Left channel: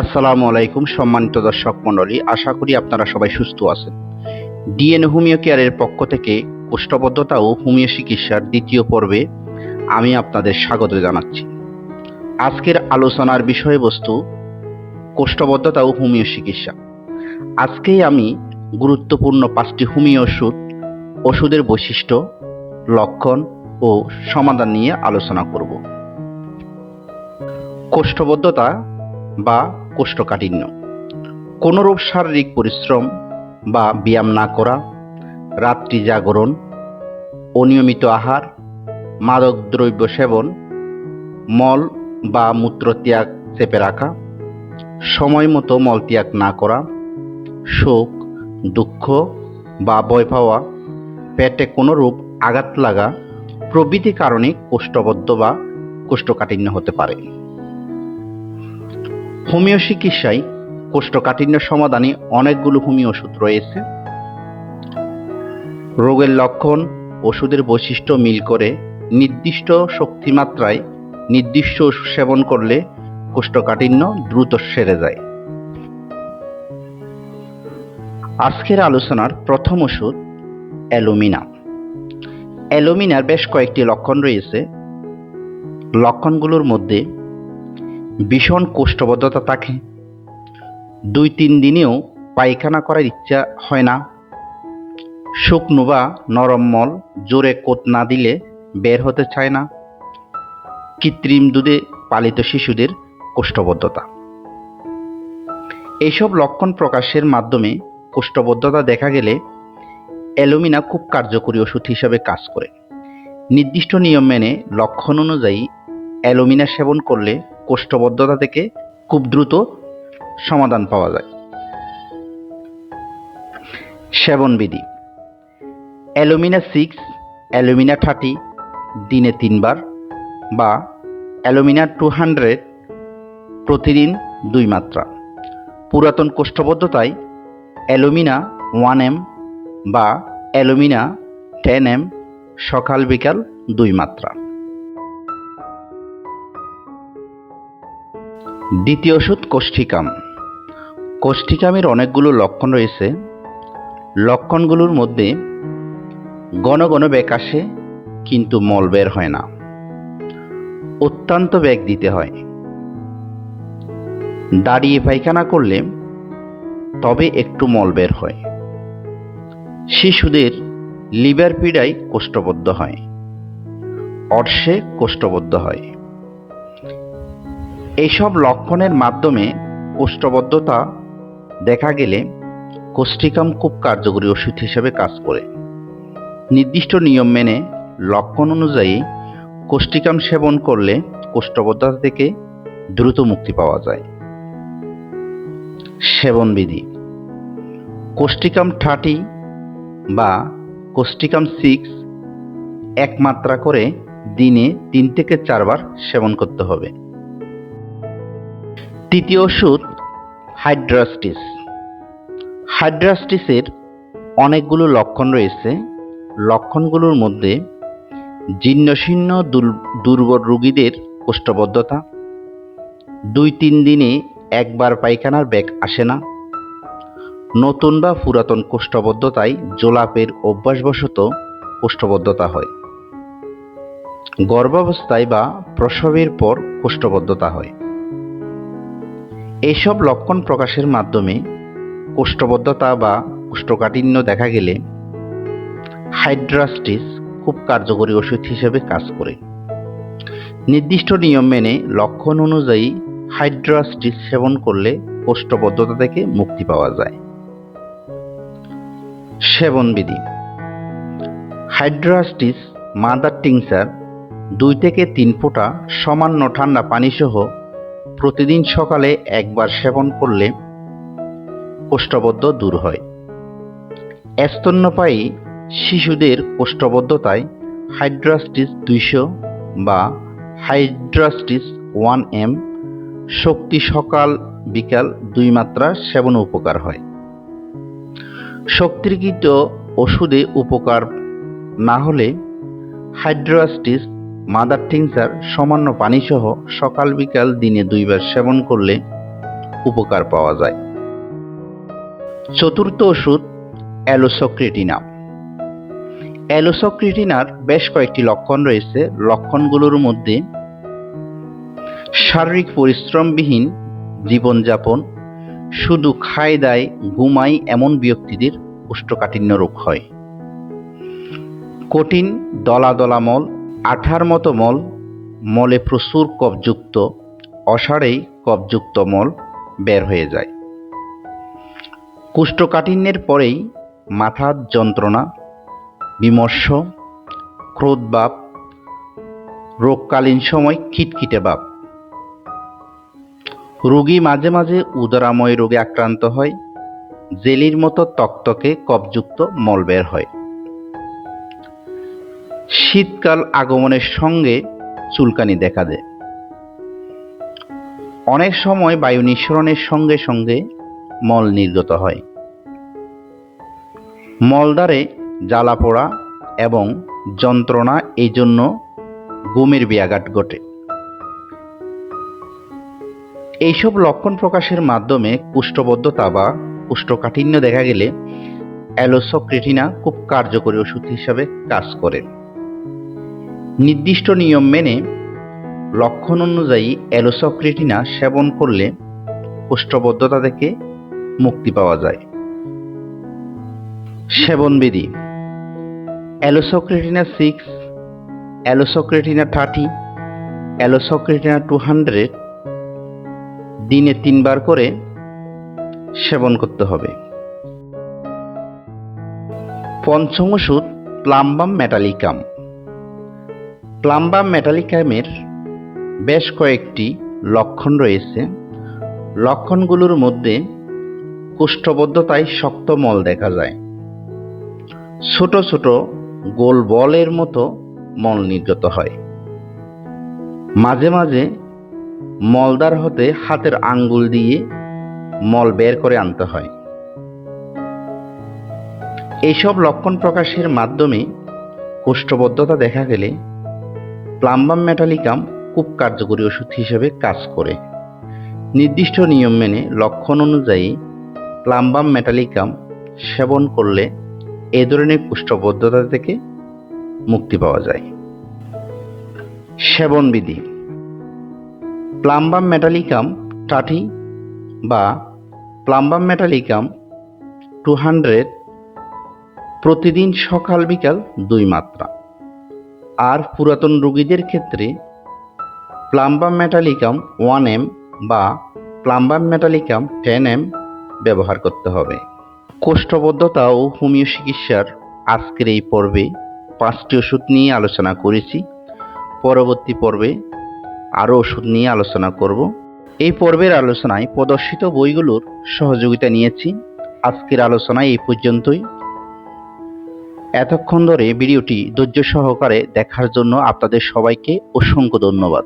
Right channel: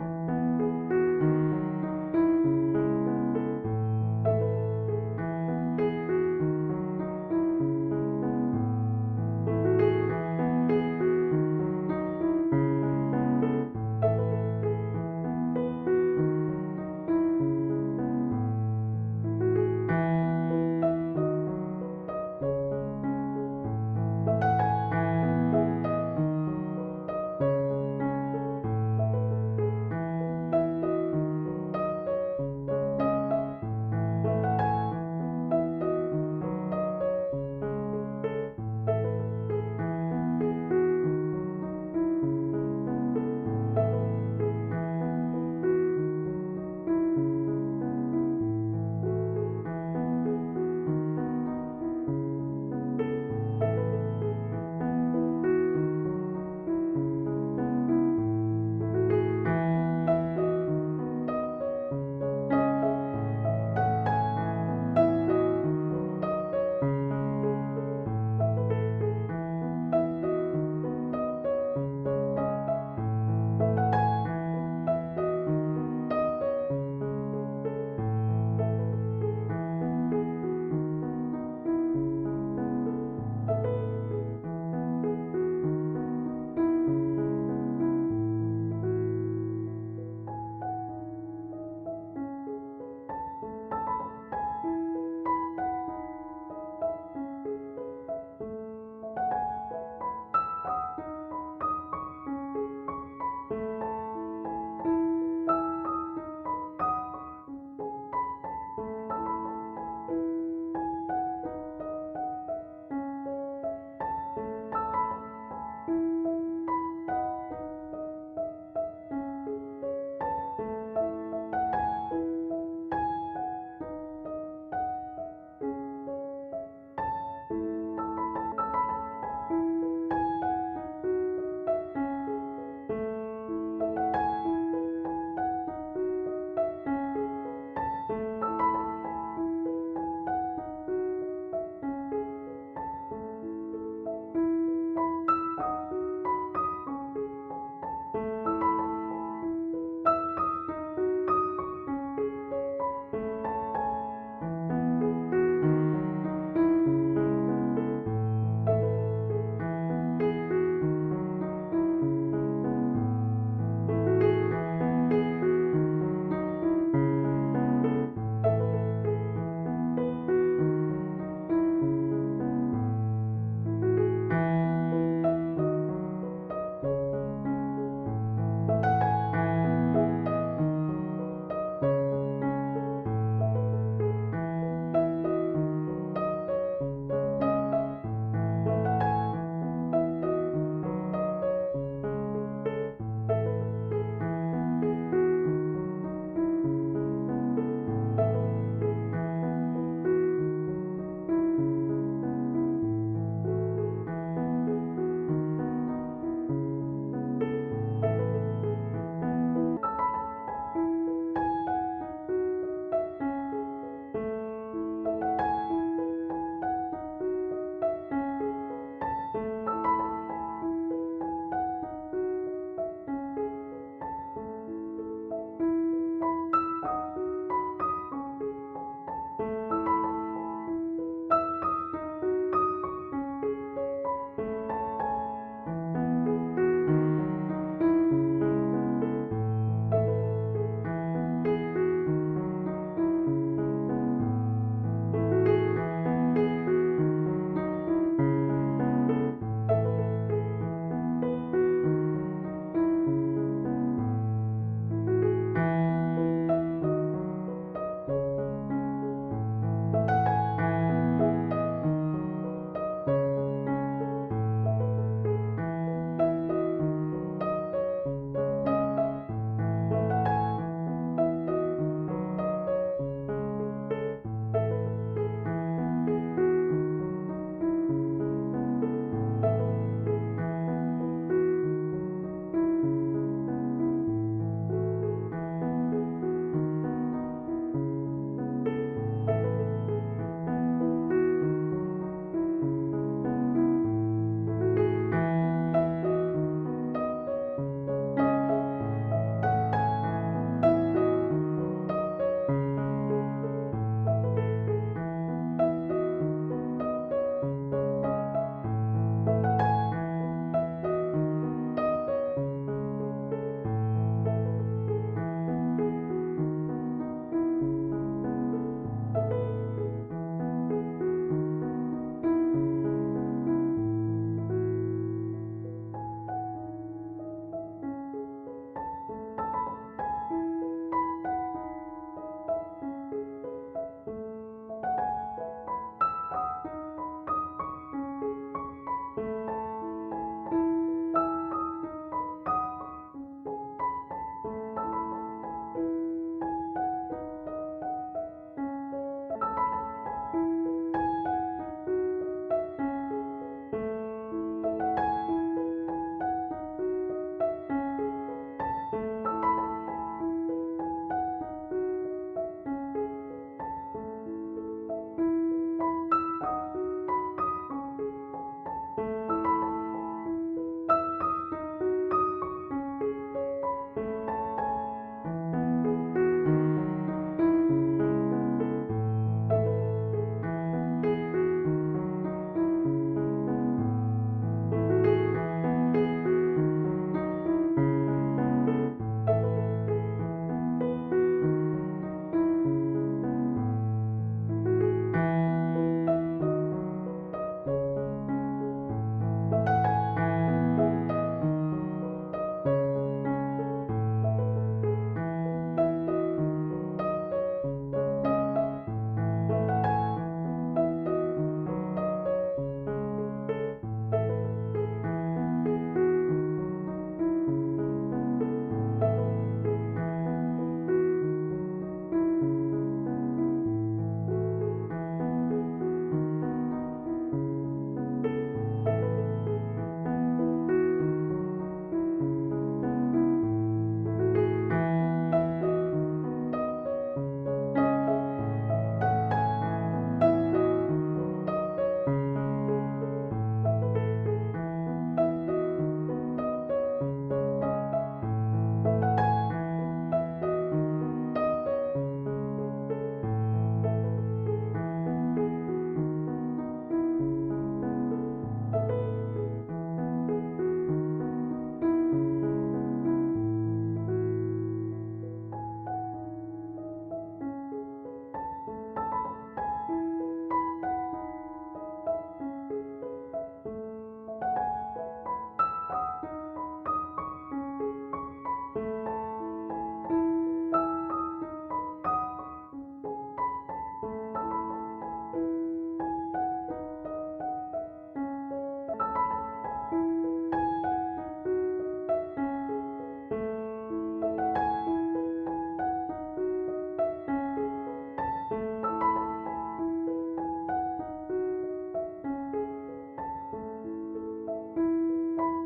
আসসালামু আলাইকুম সম্মানিত দর্শক মণ্ডলী, আশা করি আপনারা সবাই সুস্থ আছেন। ডিএন হোমিও কেয়ারের পক্ষ থেকে কোষ্ঠবদ্ধতা ও হোমিও চিকিৎসার দ্বিতীয় পর্বে আমি আপনাদের স্বাগত জানাচ্ছি। আজকের আলোচনার বিষয়বস্তু কোষ্ঠবদ্ধতা ও হোমিও চিকিৎসা। আজকেই আমি গুরুত্বপূর্ণ 5টি হোমিও ওষুধের বৈশিষ্ট্য, লক্ষণ ও সমাধান নিয়ে আলোচনা করব। কোষ্ঠবদ্ধতা বা কোষ্ঠকাঠিন্য কোনরূপ শারীরিক পরিশ্রম বা ব্যায়াম না করা, রাত্রি জাগরণ, অনিয়মিত আহার, মাদক দ্রব্য সেবন, মল বা মূত্রত্যাগ চেপে রাখা, সময় মতো মলত্যাগ না করা, শোক, দুঃখ বা ভয় পাওয়া, পেটে কোনরূপ আঘাত লাগা প্রভৃতি কারণে কোষ্ঠবদ্ধ বা কোষ্ঠকাঠিন্য হতে পারে। হোমিও চিকিৎসায় কোষ্ঠকাঠিন্য সমাধানে অনেকগুলো হোমিও ওষুধ রয়েছে। রোগের লক্ষণ, ওষুধের বৈশিষ্ট্য মিল করে নির্দিষ্ট শক্তিমাত্রায় নির্দিষ্ট ওষুধ সেবন করলে কোষ্ঠকাঠিন্য দ্রুত সেরে যায়। আজকের আলোচনার প্রথম ওষুধ অ্যালুমিনা। অ্যালুমিনার বেশ কয়েকটি লক্ষণ রয়েছে। লক্ষণগুলোর মধ্যে ভীষণ কোষ্ঠবদ্ধতা থাকে, 2-3 দিনেও পায়খানা করার ইচ্ছা হয় না, শুকনো বা নরম মল জোরে কোত না দিলে বের হতে চায় না, কৃত্রিম দুধে পালিত শিশুদের কোষ্ঠবদ্ধতা। এইসব লক্ষণ প্রকাশের মাধ্যমে কোষ্ঠবদ্ধতা দেখা গেলে অ্যালুমিনা খুব কার্যকরী ওষুধ হিসেবে কাজ করে। নির্দিষ্ট নিয়ম মেনে লক্ষণ অনুযায়ী অ্যালুমিনা সেবন করলে কোষ্ঠবদ্ধতা থেকে খুব দ্রুত সমাধান পাওয়া যায়। সেবন বিধি: অ্যালুমিনা 6, অ্যালুমিনা 30 দিনে 3 বার বা অ্যালুমিনা 200 প্রতিদিন 2 মাত্রা। পুরাতন কোষ্ঠবদ্ধতায় অ্যালুমিনা 1 m বা অ্যালুমিনা 10 m সকাল বিকাল 2 মাত্রা। দ্বিতীয় ওষুধ কোষ্ঠিকাম। কোষ্ঠিকামের অনেকগুলো লক্ষণ রয়েছে। লক্ষণগুলোর মধ্যে ঘন ঘন বেগ আসে কিন্তু মল বের হয় না, অত্যন্ত বেগ দিতে হয়, দাঁড়িয়ে পায়খানা করলে তবে একটু মল বের হয়, শিশুদের লিভার পীড়ায় কোষ্ঠবদ্ধ হয়, অর্শে কোষ্ঠবদ্ধ হয়। এইসব লক্ষণের মাধ্যমে কোষ্ঠবদ্ধতা দেখা গেলে কোষ্ঠিকাম খুব কার্যকরী ওষুধ হিসেবে কাজ করে। নির্দিষ্ট নিয়ম মেনে লক্ষণ অনুযায়ী কোষ্ঠিকাম সেবন করলে কোষ্ঠবদ্ধতা থেকে দ্রুত মুক্তি পাওয়া যায়। সেবন বিধি: কোষ্ঠিকাম 30 বা কোষ্ঠিকাম 6 1 মাত্রা করে দিনে 3 থেকে 4 বার সেবন করতে হবে। তৃতীয় ওষুধ হাইড্রাস্টিস। হাইড্রাস্টিসের অনেকগুলো লক্ষণ রয়েছে। লক্ষণগুলোর মধ্যে জীর্ণশীর্ণ দুর্বল রোগীদের কোষ্ঠবদ্ধতা, 2-3 দিনে একবার পায়খানার বেগ আসে না, নতুন বা পুরাতন কোষ্ঠবদ্ধতায় জোলাপের অভ্যাসবশত কোষ্ঠবদ্ধতা হয়, গর্ভাবস্থায় বা প্রসবের পর কোষ্ঠবদ্ধতা হয়। এইসব লক্ষণ প্রকাশের মাধ্যমে কোষ্ঠবদ্ধতা বা কোষ্ঠকাঠিন্য দেখা গেলে হাইড্রাস্টিস খুব কার্যকরী ওষুধ হিসেবে কাজ করে। নির্দিষ্ট নিয়ম মেনে লক্ষণ অনুযায়ী হাইড্রাস্টিস সেবন করলে কোষ্ঠবদ্ধতা থেকে মুক্তি পাওয়া যায়। সেবন বিধি: হাইড্রাস্টিস মাদার টিংচার 2 থেকে 3 ফোঁটা সামান্য ঠান্ডা পানি সহ প্রতিদিন সকালে একবার সেবন করলে কোষ্ঠবদ্ধ দূর হয়। স্তন্যপায়ী শিশুদের কোষ্ঠবদ্ধতায় হাইড্রাস্টিস 200 বা হাইড্রাস্টিস 1 m শক্তি সকাল বিকাল 2 মাত্রা সেবন উপকার হয়। শক্তিকৃত ওষুধে উপকার না হলে হাইড্রাস্টিস মাদার টিংচার সামান্য পানি সহ সকাল বিকাল দিনে 2 বার সেবন করলে উপকার পাওয়া যায়। চতুর্থ ওষুধ অ্যালোসক্রেটিনা। অ্যালোসক্রেটিনার বেশ কয়েকটি লক্ষণ রয়েছে। লক্ষণগুলোর মধ্যে শারীরিক পরিশ্রমবিহীন জীবনযাপন, শুধু খায় দায় ঘুমায় এমন ব্যক্তিদের কোষ্ঠকাঠিন্য রোগ হয়। কঠিন দলা দলা মল, আঠার মতো মল, মলে প্রচুর কফযুক্ত, অসাড়েই কফযুক্ত মল বের হয়ে যায়। কোষ্ঠকাঠিন্যের পরেই মাথার যন্ত্রণা, বিমর্ষ, ক্রোধ ভাব, রোগকালীন সময় খিটখিটে ভাব। রোগী মাঝে মাঝে উদরাময় রোগে আক্রান্ত হয়, জেলির মতো তকতকে কফযুক্ত মল বের হয়। শীতকাল আগমনের সঙ্গে চুলকানি দেখা দেয়। অনেক সময় বায়ু নিঃসরণের সঙ্গে সঙ্গে মল নির্গত হয়। মলদ্বারে জ্বালা পোড়া এবং যন্ত্রণা, এই জন্য ঘুমের ব্যাঘাত ঘটে। এইসব লক্ষণ প্রকাশের মাধ্যমে কোষ্ঠবদ্ধতা বা কোষ্ঠকাঠিন্য দেখা গেলে অ্যালোসক্রেটিনা খুব কার্যকরী ওষুধ হিসাবে কাজ করে। নির্দিষ্ট নিয়ম মেনে লক্ষণ অনুযায়ী অ্যালোসক্রেটিনা সেবন করলে কোষ্ঠবদ্ধতা থেকে মুক্তি পাওয়া যায়। সেবনবিধি: অ্যালোসক্রেটিনা 6, অ্যালোসক্রেটিনা 30, অ্যালোসক্রেটিনা 200 দিনে 3 বার করে সেবন করতে হবে। পঞ্চম ওষুধ প্লাম্বাম মেটালিকাম। প্লাম্বাম মেটালিকামের বেশ কয়েকটি লক্ষণ রয়েছে। লক্ষণগুলোর মধ্যে কোষ্ঠবদ্ধতায় শক্ত মল দেখা যায়, ছোট ছোট গোল বলের মতো মল নির্গত হয়, মাঝে মাঝে মলদ্বার হতে হাতের আঙ্গুল দিয়ে মল বের করে আনতে হয়। এইসব লক্ষণ প্রকাশের মাধ্যমে কোষ্ঠবদ্ধতা দেখা গেলে প্লাম্বাম মেটালিকাম খুব কার্যকরী ওষুধ হিসেবে কাজ করে। নির্দিষ্ট নিয়ম মেনে লক্ষণ অনুযায়ী প্লাম্বাম মেটালিকাম সেবন করলে এ ধরনের কোষ্ঠবদ্ধতা থেকে মুক্তি পাওয়া যায়। সেবনবিধি: প্লাম্বাম মেটালিকাম 30 বা প্লাম্বাম মেটালিকাম 200 প্রতিদিন সকাল বিকাল 2 মাত্রা। আর পুরাতন রোগীদের ক্ষেত্রে প্লাম্বাম মেটালিকাম 1 mg বা প্লাম্বাম মেটালিকাম 10 mg ব্যবহার করতে হবে। কোষ্ঠবদ্ধতা ও হোমিও চিকিৎসার আজকের এই পর্বে 5টি ওষুধ নিয়ে আলোচনা করেছি। পরবর্তী পর্বে আরও ওষুধ নিয়ে আলোচনা করব। এই পর্বের আলোচনায় প্রদর্শিত বইগুলোর সহযোগিতা নিয়েছি। আজকের আলোচনা এই পর্যন্তই। এতক্ষণ ধরে ভিডিওটি ধৈর্য সহকারে দেখার জন্য আপনাদের সবাইকে অসংখ্য ধন্যবাদ।